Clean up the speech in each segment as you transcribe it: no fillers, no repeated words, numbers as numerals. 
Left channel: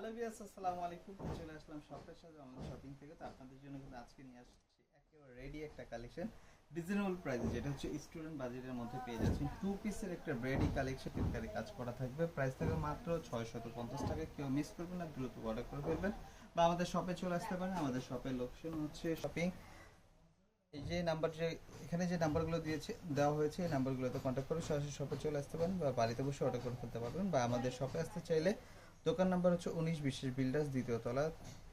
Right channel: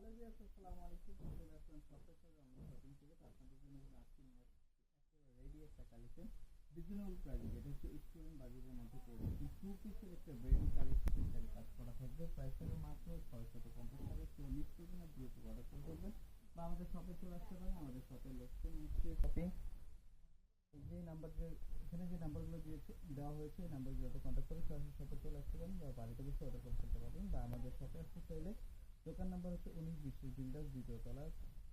Hello viewers, আসসালামু আলাইকুম। চলে আসলাম শপের সাথে অনলাইন শপিং থেকে। তো আপনাদের জন্য কিন্তু আজকে নিয়ে আসছি একেবারে রেডি একটা কালেকশন রিজনেবল প্রাইসে, যেটা হচ্ছে স্টুডেন্ট বাজেটের মধ্যে পেয়ে যাচ্ছেন। টু পিসের একটা রেডি কালেকশন ফিটকারি কাজ করা থাকবে। প্রাইস থাকবে মাত্র 650 টাকা। কেউ মিস করবেন না, দ্রুত অর্ডার করে ফেলবেন বা আমাদের শপে চলে আসতে পারেন। আমাদের শপের লোকেশন হচ্ছে শপিং, এই যে নাম্বার, যে এখানে যে নাম্বারগুলো দেওয়া হয়েছে, এই নাম্বারগুলোতে কন্ট্যাক্ট করে সরাসরি শপে চলে আসতে পারেন বা বাড়িতে বসে অর্ডার করে ফেলতে পারবেন। বা আমাদের শপে আসতে চাইলে দোকান নাম্বার হচ্ছে 19 বিশেষ বিল্ডার্স, দ্বিতীয় তলা,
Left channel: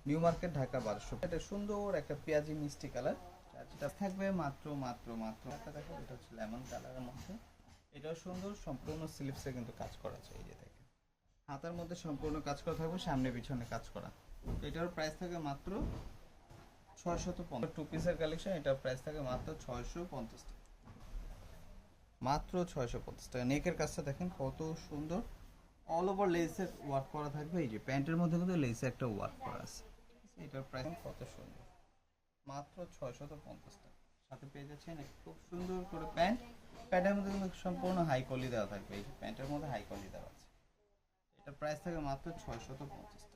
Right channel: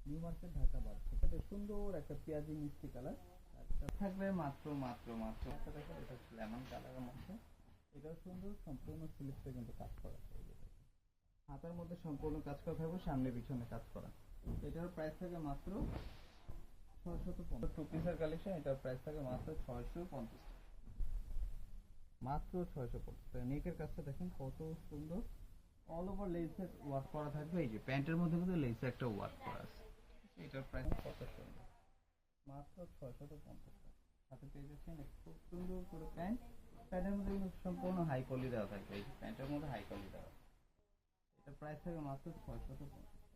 নিউ মার্কেট, ঢাকা 1200। এটা সুন্দর একটা পেঁয়াজি মিষ্টি কালার, যেটা থাকবে মাত্র মাত্র মাত্র একটা। দেখো, এটা হচ্ছে লেমন কালারের মধ্যে। এটাও সুন্দর, সম্পূর্ণ স্লিপসে কিন্তু কাজ করা আছে। এই যে দেখেন, হাতার মধ্যে সম্পূর্ণ কাজ করা থাকবে, সামনে পিছনে কাজ করা। এটার প্রাইস থাকে মাত্র 650। টু পিসের কালেকশন, এটার প্রাইস থাকে মাত্র 650 টাকা। মাত্র 650 টাকা। নেকের কাজটা দেখেন কত সুন্দর, অল ওভার লেসের ওয়ার্ক করা থাকবে। এই যে প্যান্টের মধ্যে কিন্তু লেসে একটা ওয়ার্ক করা আছে। এটার প্রাইস কত সুন্দর, মাত্র 650 টাকা। সাথে পেয়ে যাচ্ছেন খুব সুন্দর করে প্যান্ট। প্যান্টের মধ্যে কিন্তু সম্পূর্ণ হাই কোয়ালিটি দেওয়া থাকবে। এই যে প্যান্টের মধ্যে হাই কোয়ালিটি দেওয়া আছে। এটার প্রাইস থাকে মাত্র 650 টাকা।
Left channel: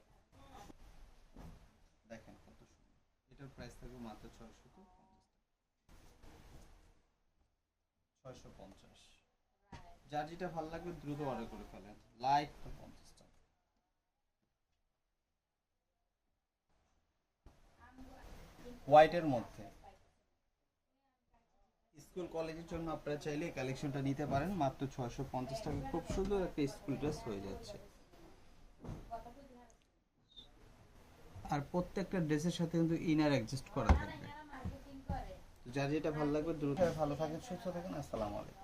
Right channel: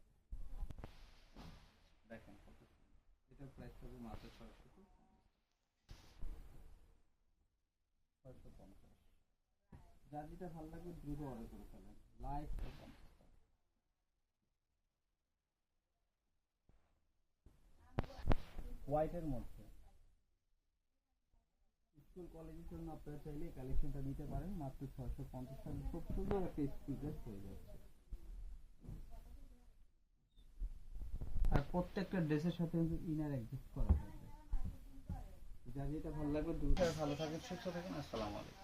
দেখেন কত সুন্দর, এটার প্রাইস থাকবে মাত্র 650। যার যেটা ভালো লাগবে দ্রুত অর্ডার করে ফেলেন। লাইট 50 টাকা। হোয়াইটের মধ্যে স্কুল কলেজের জন্য আপনারা চাইলে এই কালেকশনটা নিতে পারেন মাত্র 650 টাকা। খুব সুন্দর একটা স্কুল ড্রেস হয়ে যাচ্ছে। আর প্রত্যেকটা ড্রেসের সাথে কিন্তু ইনার অ্যাডজাস্ট করা থাকবে। তো যার যেটা ভালো লাগবে দ্রুত। ভালো থাকেন, সুস্থ থাকেন। আসসালামু আলাইকুম।